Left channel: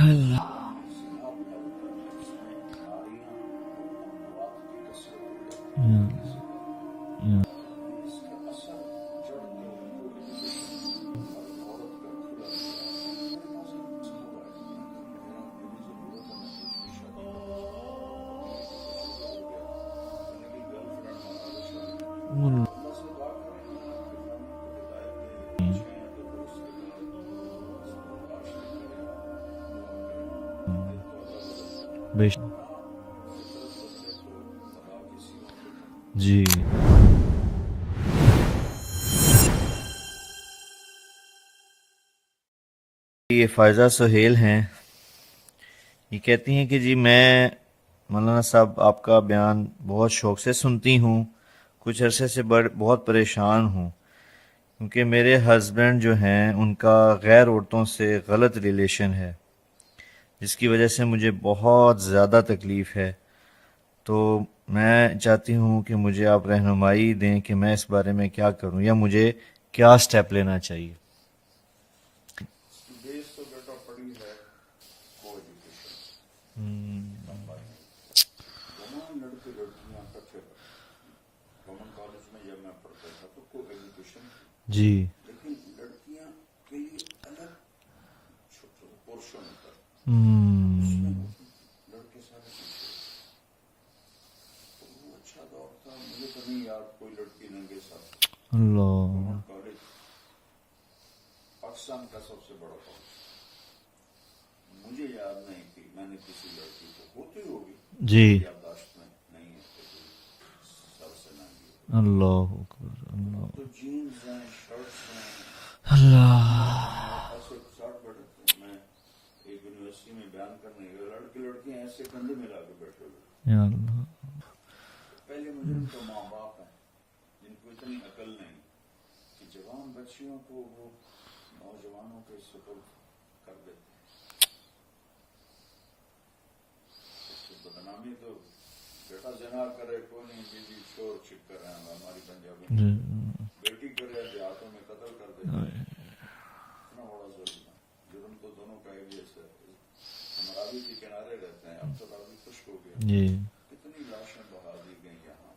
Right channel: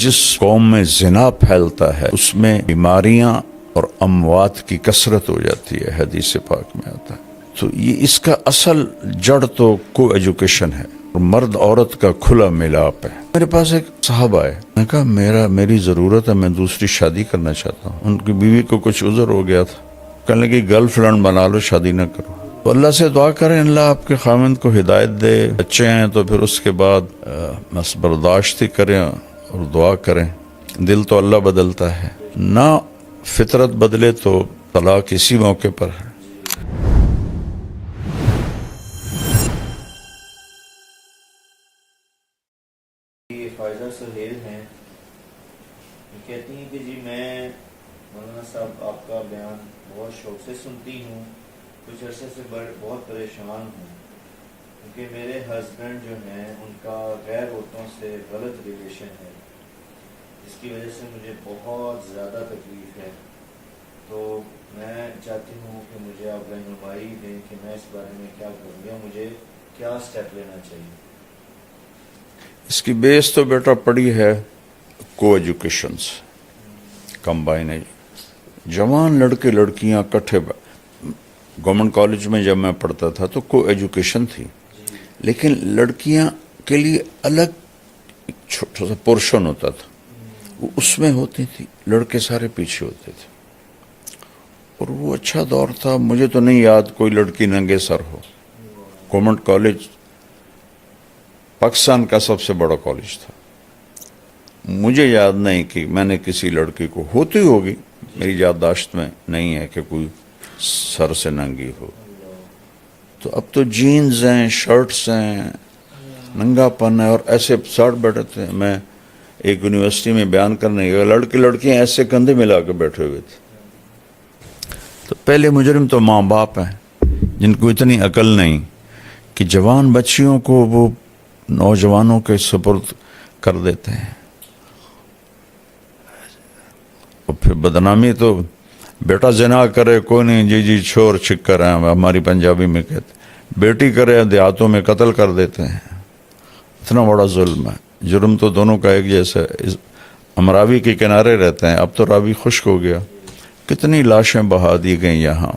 جس قوم میں زنا پھیلتا ہے اس میں بیماریاں اور اموات کی کثرت ہو جاتی ہے، حدیث پاک میں آتا ہے۔ تو یہ اس کا اصل جڑ تو کو ایجوکیشن ہے، اور مرد عورت کا کھلا ملاپ ہے۔ میرے پاس ایک صاحب آئے، میں نے کہا میری ضرورت ہے، میں دوسری شادی کرنا چاہتا ہوں۔ ان کی بیوی کو کچھ عذر ہو گیا تھا، کہنے لگی گرل فرینڈ بنا لو، شادی نہ کرو۔ تو اللہ سے دعا کریں اللہ آپ کے خاوند کو ہدایت دے، بچے ہیں تو پھر اس کے بعد بس برداشت ہی کریں اور دعا کریں۔ دل تو اللہ بدلتا ہے، نہ فطرت بدلے تو طلاق اسی موقع پر ہے۔ جی یہ فائزہ سہیل ہیں، یہ کہتی ہیں کہ جی میں مولانا صاحب آپ کا بیان بہت شوق سے سنتی ہوں، کچھ عرصے سے بہت پریشان ہوں کیونکہ میرے ہسبینڈ جو ہیں ان کا غیر عورتوں سے غلط ریلیشن ہے، جس کی وجہ سے مجھے بہت زیادہ تکلیف ہے۔ تو میں چاہتی ہوں کہ مجھے آپ رہنمائی دیں کہ میں اس بارے میں کیا کروں یا مجھے کیا سٹیپ لینا چاہیے۔ اس کی بیس تو بیٹا پڑی ہے کو ایجوکیشن سے، کمبائن۔ جوان لڑکے لڑکیاں کٹھے، گورنمنٹ کالج میں جب میں پڑھتا تھا تو کو ایجوکیشن تھی، جی لیکن لڑکیاں کے لیے الگ ایک چھوٹا سا پورشن ہوتا تھا، وہ اس میں ہوتی تھی، لڑکے سارے پیچھے ہوتے تھے، اور وہ اچھا دور تھا۔ مجھے تو نہیں یاد کوئی لڑکی ننگے سر ہو۔ اللہ گورنمنٹ کالج پاکستان کا سب سے بڑا کالج تھا، مجھے یاد نہیں کہ میں نے کسی لڑکی کو، ہوتی ہوگی جی میری یادداشت میں نہیں ہے کہ کوئی سر سے ننگی ہو۔ اللہ تو اب تو جینز ہیں، شرٹس ہیں، ننگا پن ہے، اور ایسے ساٹھ بیٹھے تھے۔ میں ایک یونیورسٹی میں بیان کرنے گیا، لڑکیاں ایسے کندھے ملا کے بیٹھے ہوئے تھے۔ یا تو پہلے مجرم تو ماں باپ ہیں جن کو اتنی عقل نہیں کہ جوان بچیوں کو وہ نوجوانوں کے سپرد کر دیتے ہیں، اور پھر بدنامی تو بیٹا زنا کرے کوئی نہیں، جی جی چھوڑ چھکر ہیں، ہماری پنجابی میں کہتے ہیں، بیٹی کرے دیہاتوں میں قتل کر دیتے ہیں۔ اتنا بڑا ظلم ہے، جرم تو دونوں کا ایک جیسا ہے۔ ہم راوی کے کنارے رہتے ہیں، اب تو راوی خشک ہو گیا، جی کتنی لاشیں بہا دی گئیں یہاں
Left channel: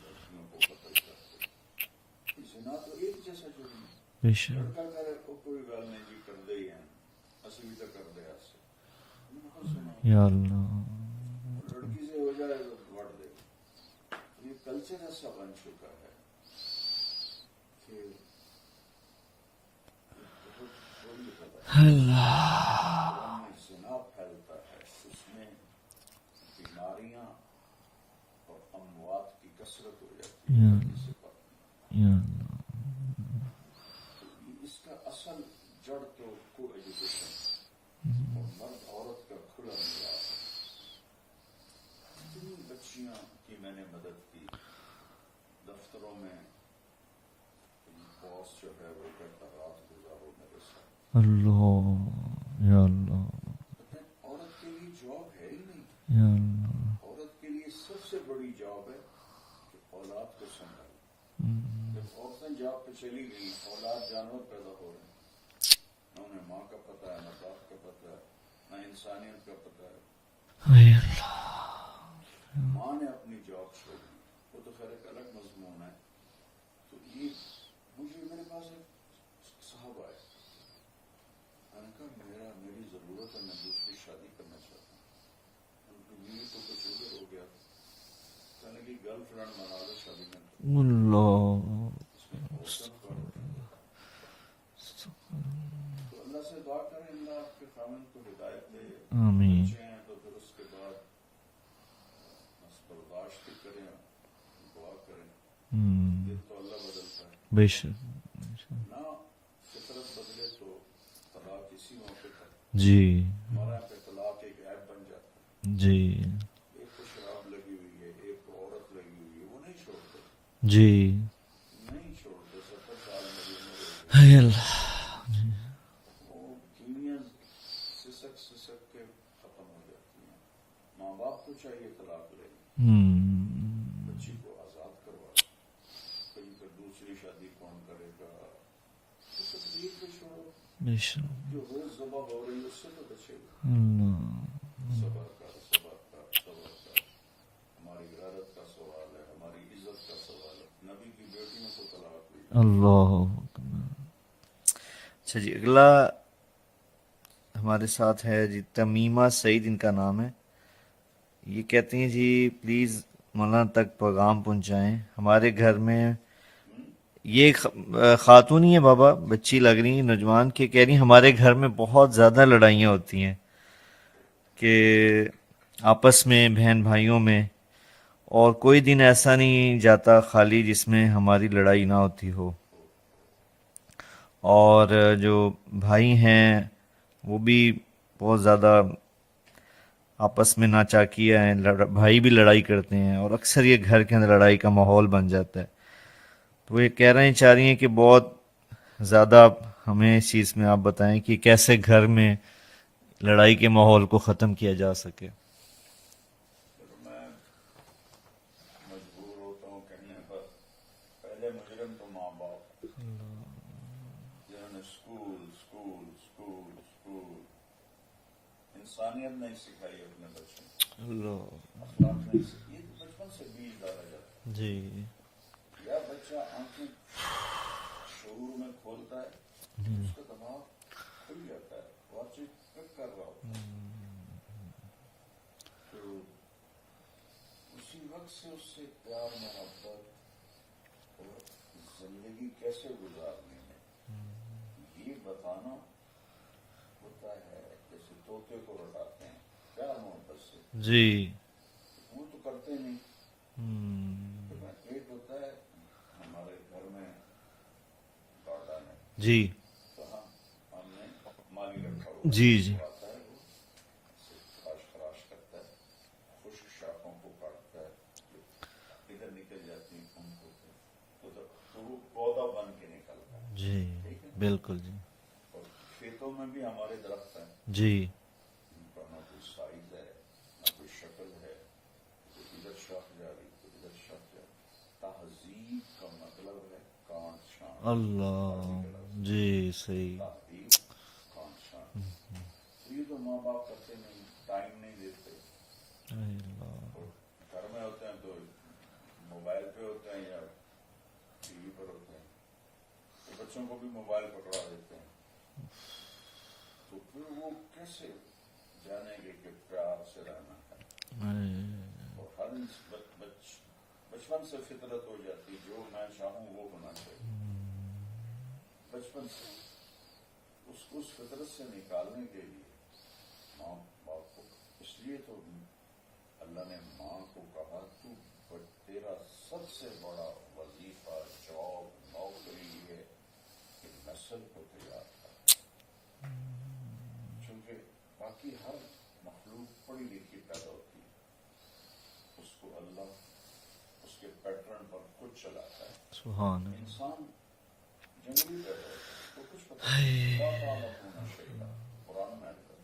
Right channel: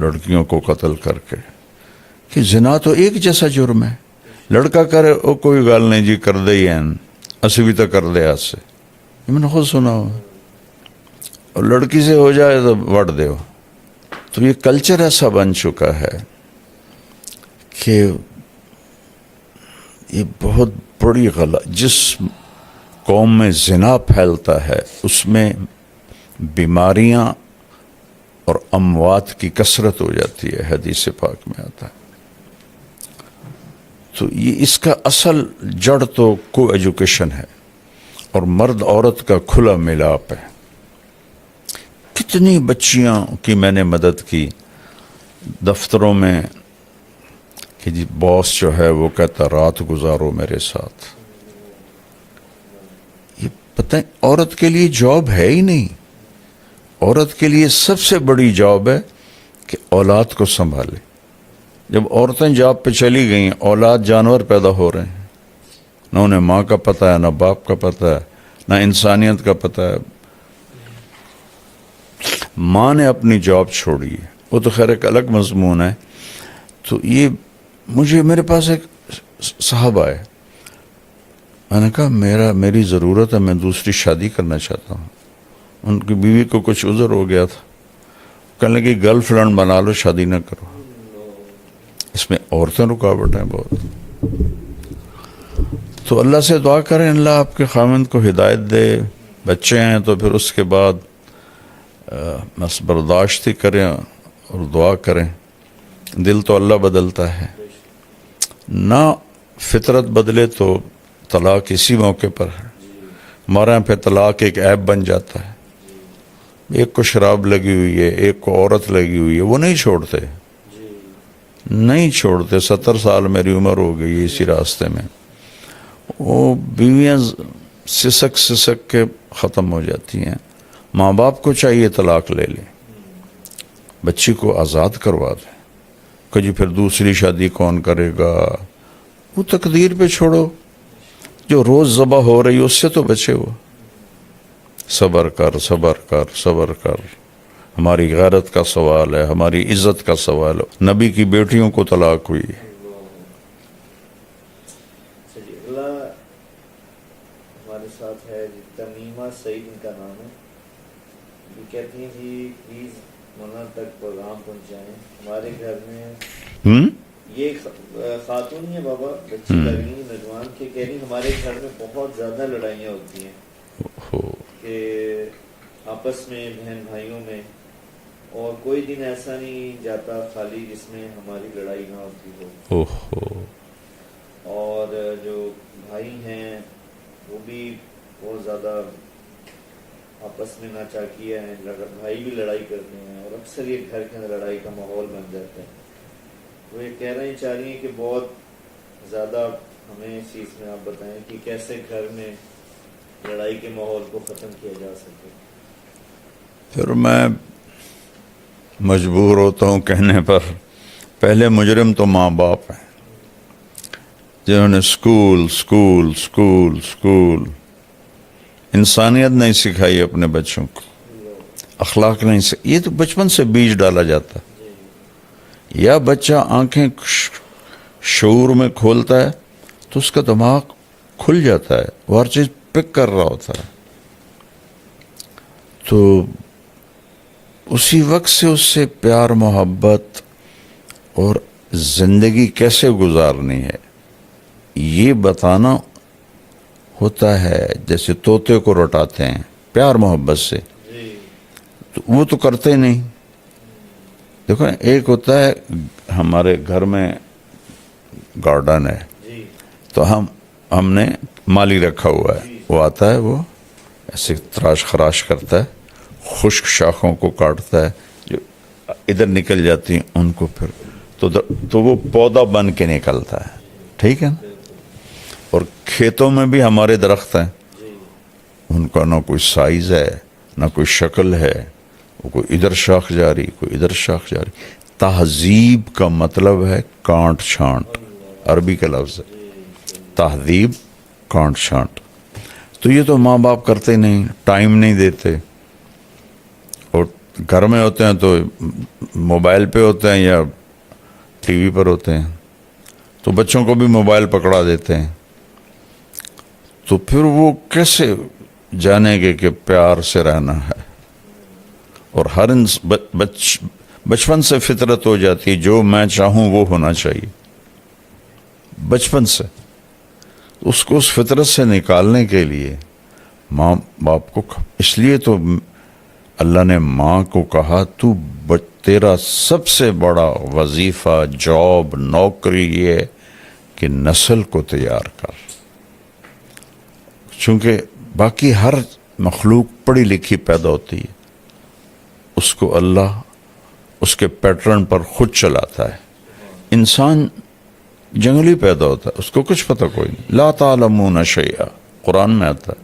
لڑکیوں کو قتل کر کے، کہ زنا تو ایک جیسا جرم ہے۔ لڑکا کرے او کوئی گال نہیں جی کر دے ہی ہیں، اسی بھی تو کر دے آج سے، یہ میں نے خود سنا ہو، یا اللہ اور لڑکی سے ہو جائے تو وٹ دے ہو۔ تو یہ کلچر ایسا بن چکا ہے کہ یہ بہت بڑی غلط، جس قوم میں زنا پھیلتا ہے اس میں بیماریاں اور اموات کی کثرت ہو جاتی ہے، حدیث پاک میں آتا ہے۔ تو یہ اس کا اصل جڑ تو کو ایجوکیشن ہے، اور مرد عورت کا کھلا ملاپ ہے۔ کتنی بچیاں کی میں نے مدد کی دفتروں میں کہ جی باس جو ہے وہ کہتا رات گزارو میرے ساتھ۔ اللہ یا اللہ یہ پتہ ہے عورت کے لیے جاب ہے ہی نہیں، عورت کے لیے سب سے بڑی جاب ہے کہ اولاد کو سنبھالے۔ جب عورتیں جاب پہ چلی گئیں، اولاد جانور پیدا ہو رہے ہیں، نہ انہیں ماں کا پتہ ہے، نہ باپ کا پتہ ہے، نہ انسانیت کا پتہ ہے۔ ماں نے اپنی جاب چھوڑی ہے، وہ تو خیر ایک الگ مضمون ہے۔ تو یہ میرے پاس ایک صاحب آئے، میں نے کہا میری ضرورت ہے، میں دوسری شادی کرنا چاہتا ہوں۔ ان کی بیوی کو کچھ عذر ہو گیا تھا، کہنے لگی گرل فرینڈ بنا لو، شادی نہ کرو۔ اللہ اس میں عورتیں رکاوٹ ہیں بہت۔ تو اللہ سے دعا کریں اللہ آپ کے خاوند کو ہدایت دے، بچے ہیں تو پھر اس کے بعد بس برداشت ہی کریں اور دعا کریں۔ دل تو اللہ بدلتا ہے، بے شک نہ فطرت بدلے تو طلاق اسی موقع پر ہے۔ جی ہمارے یہاں پہ طلاق ایک عیب بن جاتا ہے، جی ایک کو شراب لگی ہوئی ہے، ایک کو عورت لگی ہوئی ہے، وہ نہیں چھوڑتے، جی نہیں چھوڑتے۔ 70 سال میری عمر ہو گئی اسی راستے میں، وہ بیویاں سسک سسک کے ختم ہو جاتی ہیں۔ ماں باپ کو چاہیے طلاق لے لیں، بچی کو آزاد کروا دیں، کہ جی پھر دوسری شادی کون کرے گا، وہ تقدیر پہ چھوڑو، जो रोज ज़बह हो रही है उससे तो बचे हो। सबर कर, सबर कर, सबर कर। हमारी गैरत का सवाल है, हमारी इज्जत का सवाल है। नबी की बेटियों को तलाक हुई। अल्लाह। अच्छा जी, अगला हमारे साथ है जी तमीमा सईद, इनका नाम है। ये कहती हैं जी प्लीज़ मौलाना तक पैगाम पहुंचाएं, हमारे घर में ये खातून ही है बाबा, बच्ची लग रही है, नौजवान के, कह रही हमारे घर में बहुत ज़्यादा लड़ाइयाँ होती हैं कि आपस में बहन भाइयों में, और कोई दिन ऐसा नहीं जाता खाली जिसमें हमारी लड़ाई ना होती हो। ओहो। और जो भाई हैं वो भी बहुत ज़्यादा आपस में नाचाकिया हैं, भाई भी लड़ाई करते हैं और अक्सर ये घर के अंदर लड़ाई का माहौल बन जाता है। वो ये कह रहे हैं, चाह रही हैं कि बहुत ज़्यादा हमें इस चीज़ में आप बताएं कि कैसे घर में लड़ाई के माहौल को ख़त्म किया जा सके। फिर मैं मजबूर होता हूँ कहने पर, पहले मुजरिम तो माँ बाप हैं जिन्होंने स्कूल स्कूल स्कूल स्कूल इंसानियत नहीं सिखाई अपने बच्चों को, अखलाक नहीं सिखाई। ये तो बचपन से बीज डाला जाता है। या बच्चा आंखें शऊर में खोलता है तो उसका दिमाग खुल जाता है, वो हर चीज़ पिक कर रहा होता है। तो उसी वक्त से उससे प्यार मोहब्बत और ज़िंदगी कैसे गुजारनी है ये बताना होता है। जैसे तोते को रटाते हैं प्यार मोहब्बत से, जी, तो वो तो करते ही नहीं। देखो एक होता है हमारे घर में गार्डन है जी, तो हमने माली रखा हुआ है, जी, जी। वो आता है, वो ऐसे तराश खराश करता है, खुश्क शाखों को काटता है, जो इधर निकल जाती हैं उनको फिर तो वो पौधा बन के निकलता है। ठीक है। बिल्कुल और खेतों में भी हमारे दरख्त हैं, जी, उनका ना कोई साइज है ना कोई शक्ल है, वो कोई इधर शाख जारी कोई इधर शाख जारी। तहजीब का मतलब है कांट छांट, अरबी का लफ्ज है जी, सही, तहजीब, कांट छांट। तो ये तो माँ बाप करते नहीं, टाइम नहीं देते, और घर में होते हैं तो मोबाइल पे होते हैं या टीवी पर होते हैं, तो बच्चों को भी मोबाइल पकड़ा देते हैं। तो फिर वो कैसे जानेंगे कि प्यार से रहना है। और हर बचपन से फितरत हो जाती है, जो मैं चाहूँ वो होना चाहिए बचपन से। उसको उस फितरत से निकालने के लिए माँ बाप को, इसलिए तो अल्लाह ने माँ को कहा तू तेरा सबसे बड़ा वजीफ़ा, जॉब, नौकरी ये है कि नस्ल को तैयार कर। चूँकि बाकी हर मखलूक पढ़ी लिखी पैदा होती है, उसको अल्लाह उसके पैटर्न पर खुद चलाता है। इंसान जंगली पैदा होता है, उसको कुछ पता कोई नहीं। ला तालमून शैआ, कुरान में आता है,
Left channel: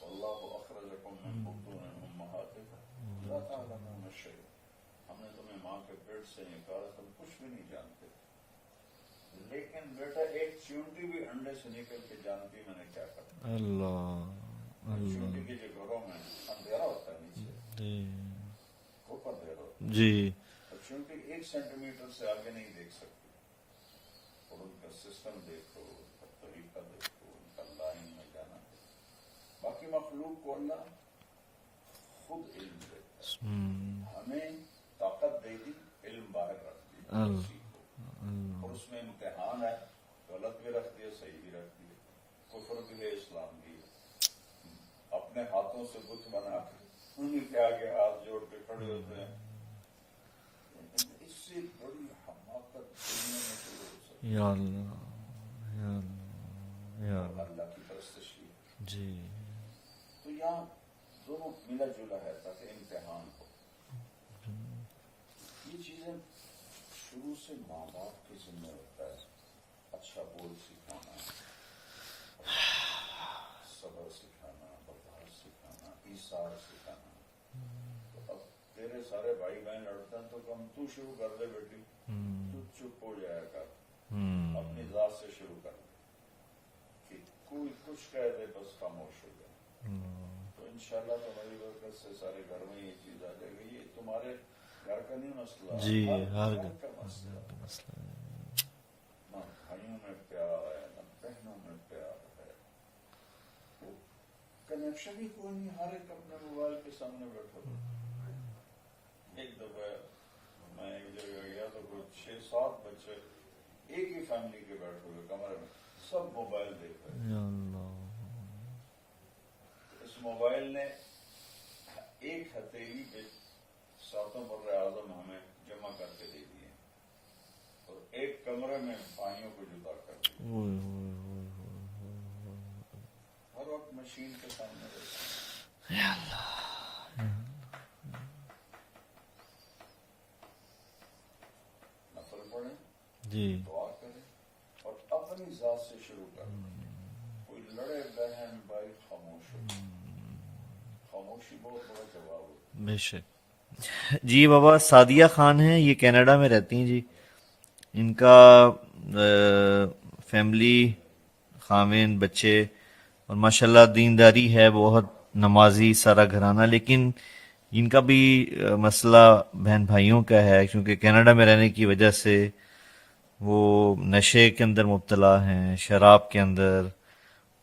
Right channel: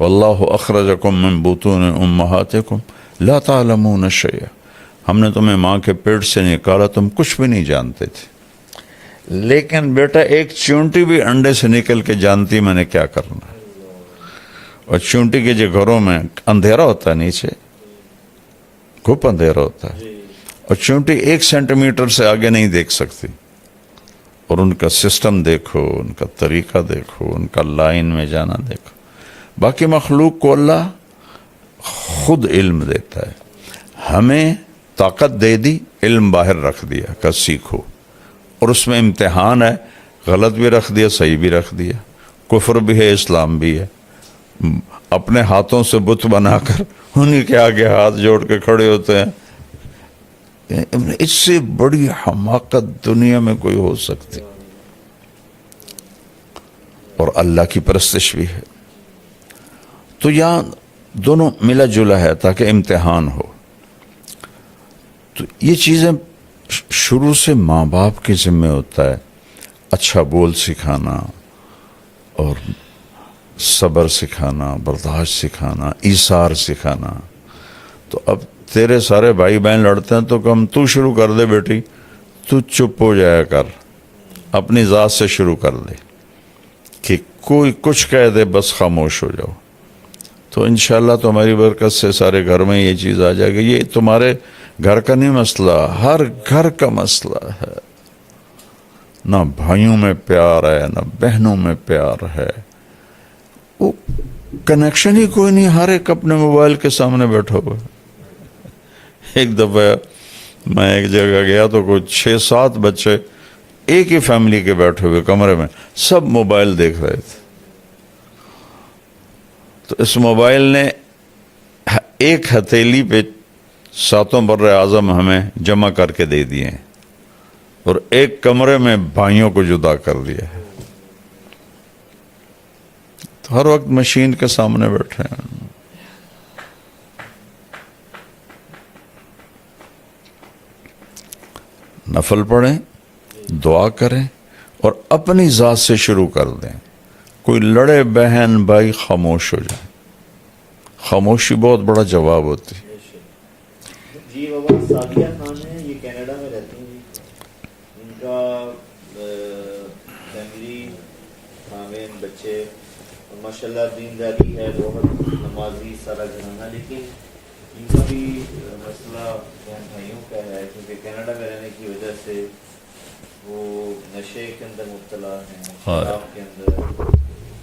वल्लाहु अखरजकुम मिन बुतून उम्महातिकुम ला तालमून शैआ, हमने तुम्हें माँ के पेट से निकाला, तुम कुछ भी नहीं जानते थे। लेकिन बेटा एक चूंटी भी अंडे से निकल के जानती मैंने क्या करना है। और चूंटी के जो घरों में अंधेरा होता है, नीचे खूब अंधेरा होता है, और चूंटी 1 सेंटीमीटर से आगे नहीं देख सकती। और उनका सिस्टम देखो, उनका तरीका देखो, उनका लाइन में जाना देखो। बाकी मखलूक को अल्लाह खुद इल्म देता है, हमें ताकत दे दी, इल्म बाहर रख दिया कि सीखो, और उसमें इम्तिहान है, गलत भी रख दिया, सही भी रख दिया, कुफ्र भी है, इस्लाम भी है। अपने हाथों से बुत बनाकर उन्हीं के आगे हाथ जोड़ के खड़े होते हैं, इससे बड़ी हमाकत दुनिया में कोई हो सकती। और अल्लाह की परस्तिश भी है। तो यहाँ दोनों मिला जुला है ताकि इम्तिहान हो। तो ये चीज़ें शुरू से माँ बाप के ज़िम्मे होता है, अच्छा बोल सिखाना और सब्र सिखाना, बर्दाश्त सिखाना, ईसार सिखाना। तो अब तेरे सारे भाई बहन लड़ते हैं तो कम तू शुरू कर दे बेटी, तू चुप हो जाया कर, अपनी ज़ात से शुरू कर दे कि कोई कुछ कह दे बस खामोश हो जाओ। तो इंशाल्लाह तुम्हारी बरकत से सारे घर में ये चीज़ आ जाएगी। ये तुम्हारे घर का नहीं मसला, हर घर का मसला है। ना भाइयों में प्यार है, ना बहनों में प्यार है, वो कनेक्शन ही कोई नहीं, हर एक अपने मोबाइल के सामने बैठा हुआ है। एक दफ़ा मैं एक जगह गया तो कुछ 6-7 बच्चे एक ही फैमिली के बैठे हुए कमरे में, सब मोबाइल देख रहे थे। तो इस मोबाइल ने एक हथेली पे 7 बर्रे आज़म हमें जमा करके दे दिए हैं और एक कमरे में भाइयों को जुदा कर दिया है। तो हर वक्त मशीन के सामने बैठे हैं। नफल पढ़ें, दुआ करें और अपनी ज़ात से शुरू कर दें। कोई लड़े बहन भाई खामोश हो जाए, खामोशी बहुत बड़ा जवाब होती है। जी बाबा सादिया खान हैं, ये कनाडा में रहती हैं जी। इनका फैमिली, खामिन, बच्चे और माशाल्लाह दीनदारी है, बहुत नमाजी सारा घराना। लेकिन इनका भी मसला बहन भाइयों का है, क्योंकि कनाडा में रहने की वजह से वो नशे के अंदर मुब्तला हैं, शराब के अंदर,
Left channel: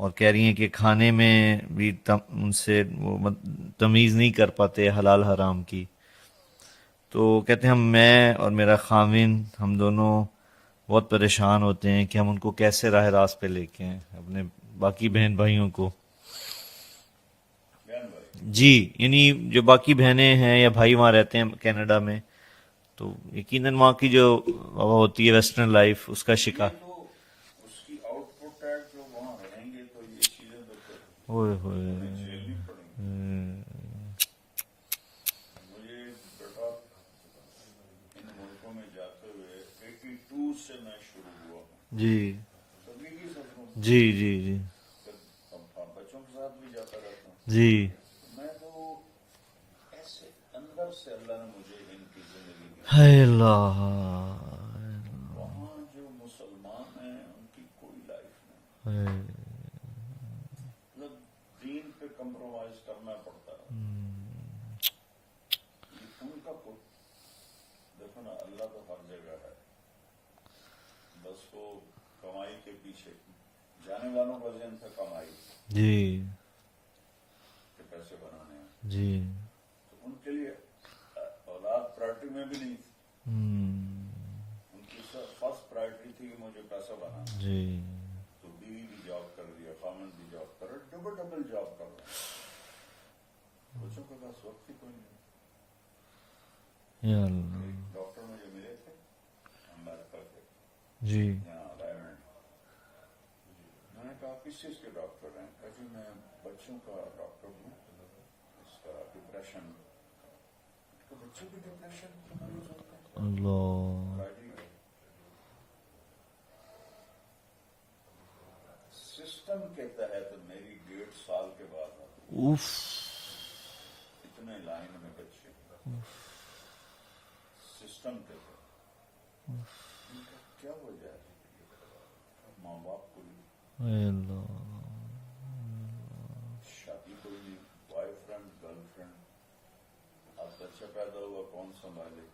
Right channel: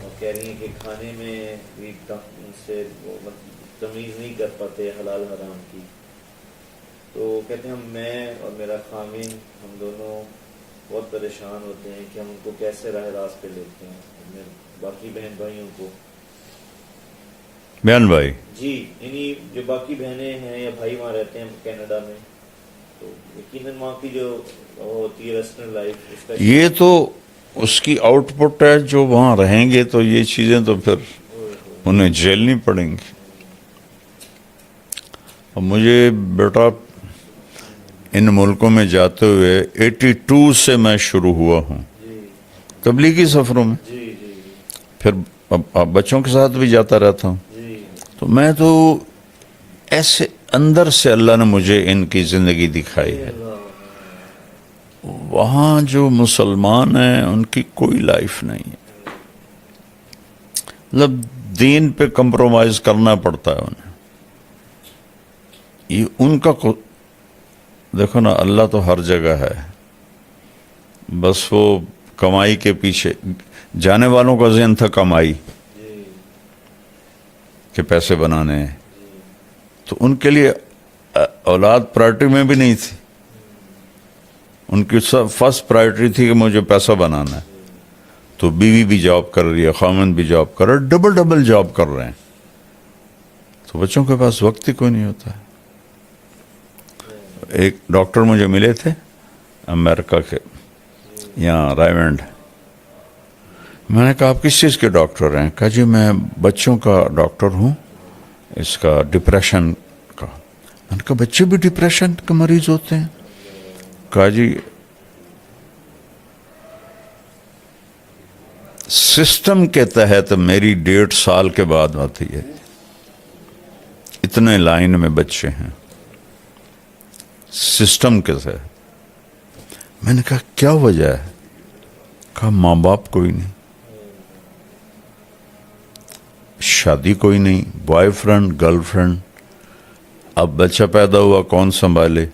और कह रही हैं कि खाने में भी उनसे वो तमीज़ नहीं कर पाते हलाल हराम की। तो कहते हैं मैं और मेरा खामिन, हम दोनों बहुत परेशान होते हैं कि हम उनको कैसे राह रास्त पे लेके आएं, अपने बाकी बहन भाइयों को। बहन भाई जी, यानी जो बाकी बहनें हैं या भाई वहाँ रहते हैं कनाडा में, तो यकीनन वहाँ की जो होती है वेस्टर्न लाइफ, उसका ये तो उसकी आउटपुट है। जो वहाँ रहेंगे तो ये चीज़ें तो फिर उन्हें झेलनी पड़ेंगी। और मुझे बेटा इन मुल्कों में जाते हुए 82 से मैं शुरू हुआ हूँ जी तबलीगी सफ़रों में। जी जी जी फिर अब बच्चों के साथ भी जाता रहता हूँ। जी। तो मैं तो ऐसे अंदर से अल्लाह ने मुझे इनकी ज़िंदगी दिखाई है। वहाँ जो मुसलमान हैं उनकी कोई लाइफ नहीं है, मतलब दीन पे कंप्रोमाइज़ करना पड़ता है उन्हें। ये उनका देखो ना, अल्लाह तो हर जगह है, बस वो कमाई के पीछे, जाने वालों का ज़हन था कमाई जी के पैसे बनाने हैं। जी। तो उनके लिए औलाद प्रायोरिटी में भी नहीं थी। उनकी सब फर्स्ट प्रायोरिटी थी कि मुझे पैसा बनाना है। तो बीवी भी जॉब कर रही है, खामन भी जॉब कर रहा है, डबल डबल जॉब कर रहे हैं। तो बच्चों के पास वक्त ही कोई नहीं होता है। एक डॉक्टर मुझे मिले थे अमेरिका के, यहाँ रायमंड। मैंने कहा आप किस चीज़ के डॉक्टर हैं? कहा जी मैं बच्चों का डॉक्टर हूँ, इसका डिप्रेशन का। मैंने कहा बच्चे भी डिप्रेशन के मरीज होते हैं? कहा जी सिस्टम के तहत मेरी 1.5 साल के बाद आती है, इतने लाइन में बच्चे हैं सिस्टम के तहत। मैंने कहा क्या वजह है? कहा माँ बाप कोई नहीं, शादी कोई नहीं, बॉयफ्रेंड गर्लफ्रेंड, अब बच्चा पैदा हुआ कौन संभाले,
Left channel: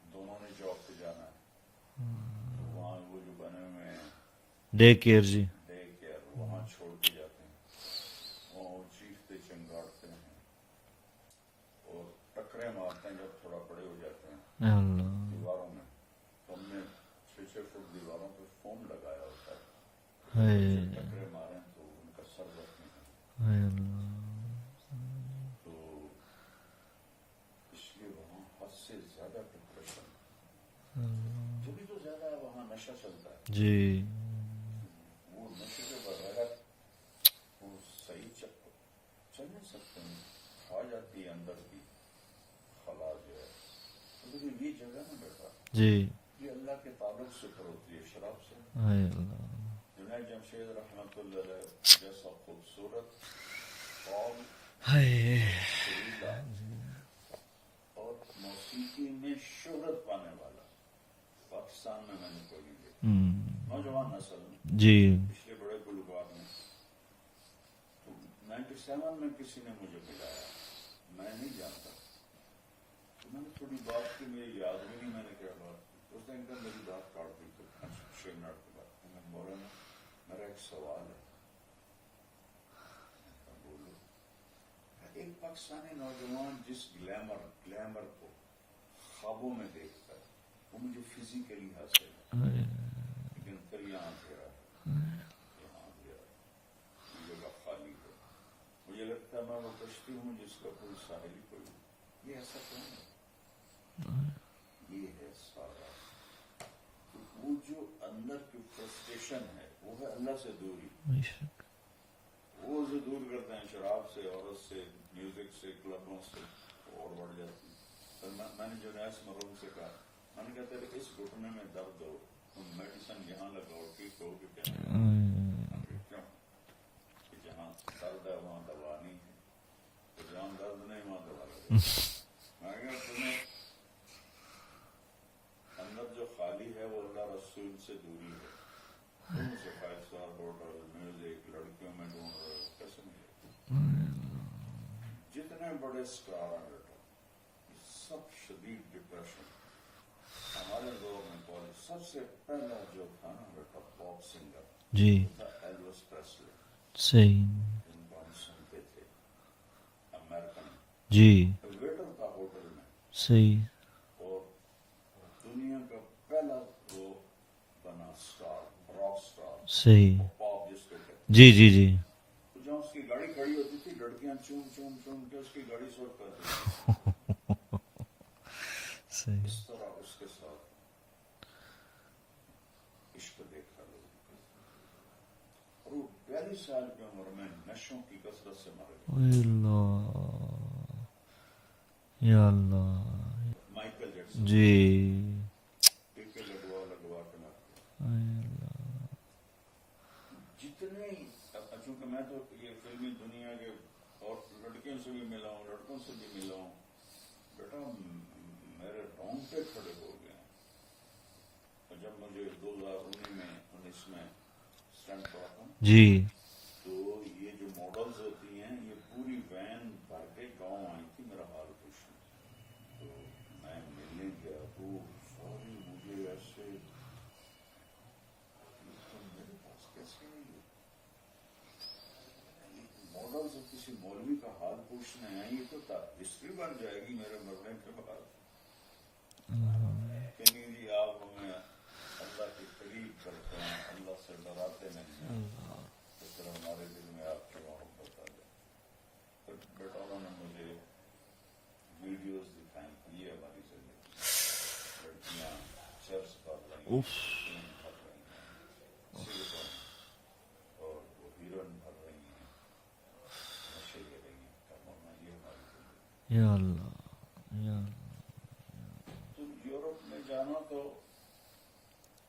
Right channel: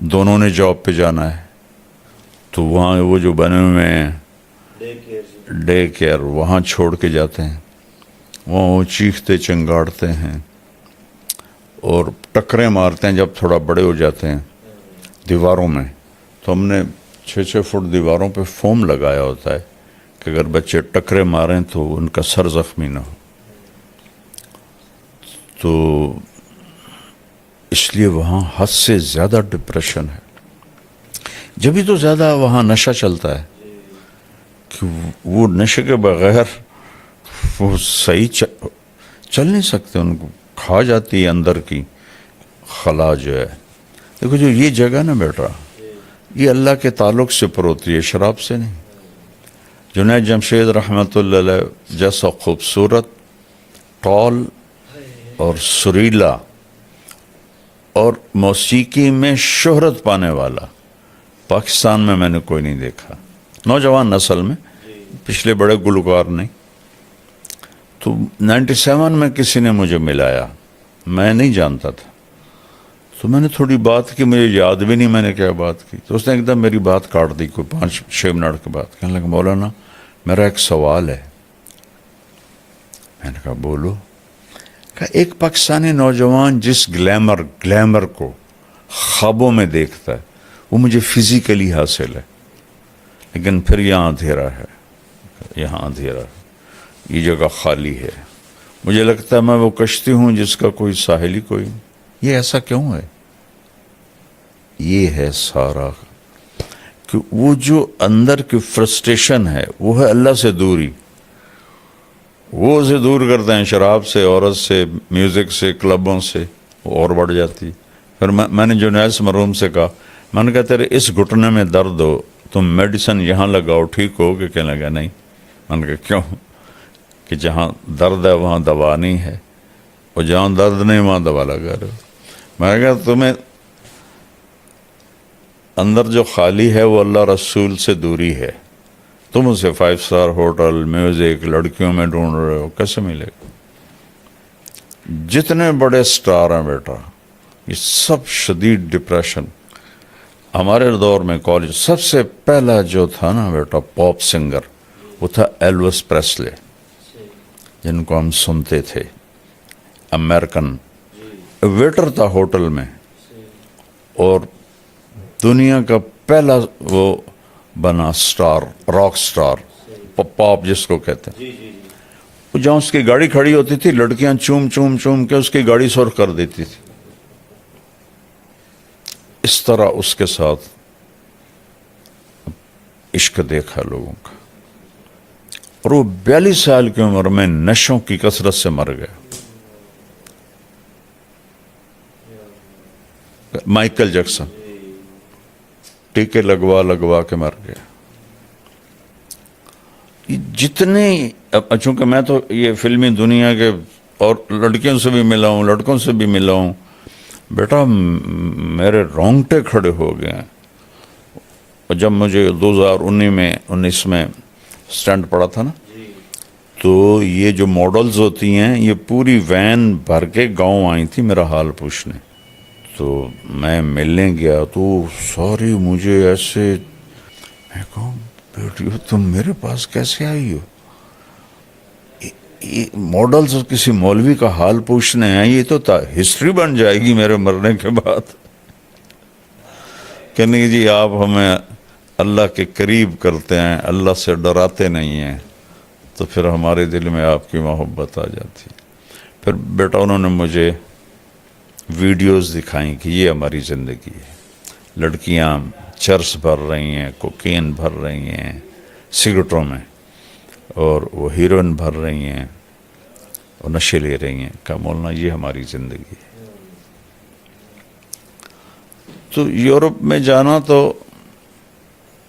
दोनों ने जॉब पे जाना है। तो वहाँ वो जो बने हुए हैं डे केयर वहाँ छोड़ के जाते हैं, वहाँ वो चीखते चिंगाड़ते हैं और टक्करें मारते हैं जब थोड़ा बड़े हो जाते हैं दीवारों में। तो हमने 6-6 फुट दीवारों पे फोम लगाया होता है कि अगर बच्चे टक्करे मारें तो उनका सर जख्मी ना हो। तो इसलिए वहाँ हद से ज़्यादा डिप्रेशन है। जब भी तो ज़्यादा वहाँ नशा चलता है कि वो नशे के बगैर वो सही चल नहीं सकते, उनको खा जाती है अंदर की खला जो है। देखो जो ये जगह ना बेटा, ये अल्लाह के ताल्लुक से पर होती है, शराब से नहीं। जुनैद जमशेद रहमतुल्लाह अलैह जैसा खूबसूरत, टॉल और सुरीला और मौसीकी में शोहरत पाने वाला पाकिस्तान में मैंने कोई नहीं देखा। नौजवान नस्ल में पिछले बड़े गुलकार नहीं, تو 97 میں کسی نے مجھے ملایا, میں نہیں جانتا تھا, تو میں نے تھوڑی بات کی, مجھے یاد بھی نہیں میں نے کیا بات کی. تو اس نے ایک دم میری بات کاٹ دی, کوئی 5-6 منٹ کے بعد. کہنے لگا مولانا میرا ایک سوال ہے. میں نے کہا بولو. کہ ایک پاکستانی نوجوان جس گلیمر کو خوابوں میں دیکھتا ہے وہ مجھے فزیکلی حاصل ہے, لیکن پھر یہاں اندھیرا ہے, یہاں اندھیرا ہے, یہ جگہ خالی ہے. مجھے لگتا ہے میں وہ کشتی ہوں جس کا کوئی ساحل ہی کوئی. یہ ایسا کیوں ہے؟ یہ ہے سارا کہ وہ جو اندر کی فرسٹریشن ہے وہ ہے اللہ سے دوری. وہ اسے دور کرتے ہیں شراب سے, عورت سے, میوزک سے, کلبوں سے, وہ اور بڑھ جاتی. پھر میں نے جنید مرحوم سے کہا, میں نے کہا تیرے اس گھٹنے میں درد ہو, تم میڈیسن یہاں لگاؤ ٹھیک ہو گے؟ کہنے لگا نہیں. میں نے کہا کیوں؟ کہ جہاں درد ہے وہاں دوا نہیں ہے, اور جہاں درد نہیں وہاں دوا لگا رہے. میں نے کہا تمہیں اندر جو خالی ہے وہ اللہ رسول سے دوری ہے. تم اسے 5 اسٹار ہوٹل, میوزک, لڑکیوں میں ڈھونڈ رہے ہو, کیسے ملے گا؟ جتنے بڑے سٹار ہیں بیٹا یہ سب شدید ڈپریشن. ہمارے دور میں کالج سب سے پہلا جو تھا نا بیٹا پاپ سنگر, وہ تھا ایلوس پریسلے, جن کو ہم سنتے تھے. امریکن ویٹر تھا ہوٹل میں, اور دنیا کا پہلا وہ بنا سٹار, راک سٹار, پاپ جس کو کہتے ہیں. جی وہ جہاں اس کی گاڑی کھڑی ہوتی تھی لڑکیاں چوم کے اس کی گاڑی سرخ کر دیتی تھی. اس طرح اس کے ساتھ عشق دیکھا لوگوں کا, اور وہ 42 سال کی عمر میں نشوں کی کثرت سے مر گیا. مائیکل جیکسن ٹیکے لگوا کے مر گیا. جتنے, چونکہ میں تو یہ فلمی دنیا کے اور لڑکیوں سے بھی ملا ہوں, لڑکوں سے بھی ملا ہوں, بیٹا میرے رونگٹے کھڑے ہو گئے ہیں. اور جب مجھے 2019 میں سٹنٹ پڑا تھا نا, تو یہ جو ماڈلز ہوتی ہیں یہ پوری وین بھر کے گاؤں آئی تھی میرا حال پوچھنے. تو میں ملنے گیا تو ساری مجھے ایسے, میں کہوں بیٹی تم میرے پاس کیسے آئی ہو؟ یہ ماڈلز کسی مولوی کا حال پوچھنے ہیں, یہ تو ہسٹری بن جائے گی میرے مرنے کے بعد. کہ نہیں جی آپ ہمیں اللہ کے قریب کرتے ہیں, اللہ سے ڈراتے نہیں ہیں, تو پھر ہمارے دل میں آپ کی محبت آ جاتی. پھر بیٹا انہوں نے مجھے ویڈیوز دکھائیں کہ یہ ہماری زندگی ہے. لڑکیاں چرس بھر رہی ہیں, کوکین بھر رہی ہیں سگریٹوں میں, اور وہ ہیروئن بھر رہی ہیں اور نشے لے رہی ہیں. کہا مولانا یہ ہماری زندگی ہے. تو یورپ میں جانا تو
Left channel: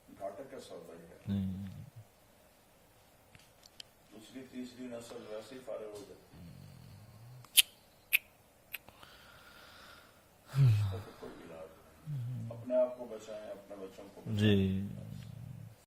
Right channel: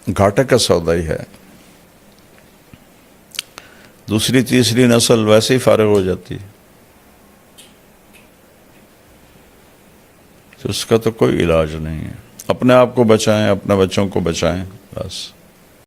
گھاٹے کا سودا ہی ہے. دوسری تیسری نسل ویسے ہی فارغ ہو جاتی ہے, تو اس کا تو کوئی علاج نہیں ہے. اپنے آپ کو بچائیں, اپنے بچوں کو بچائیں, بس.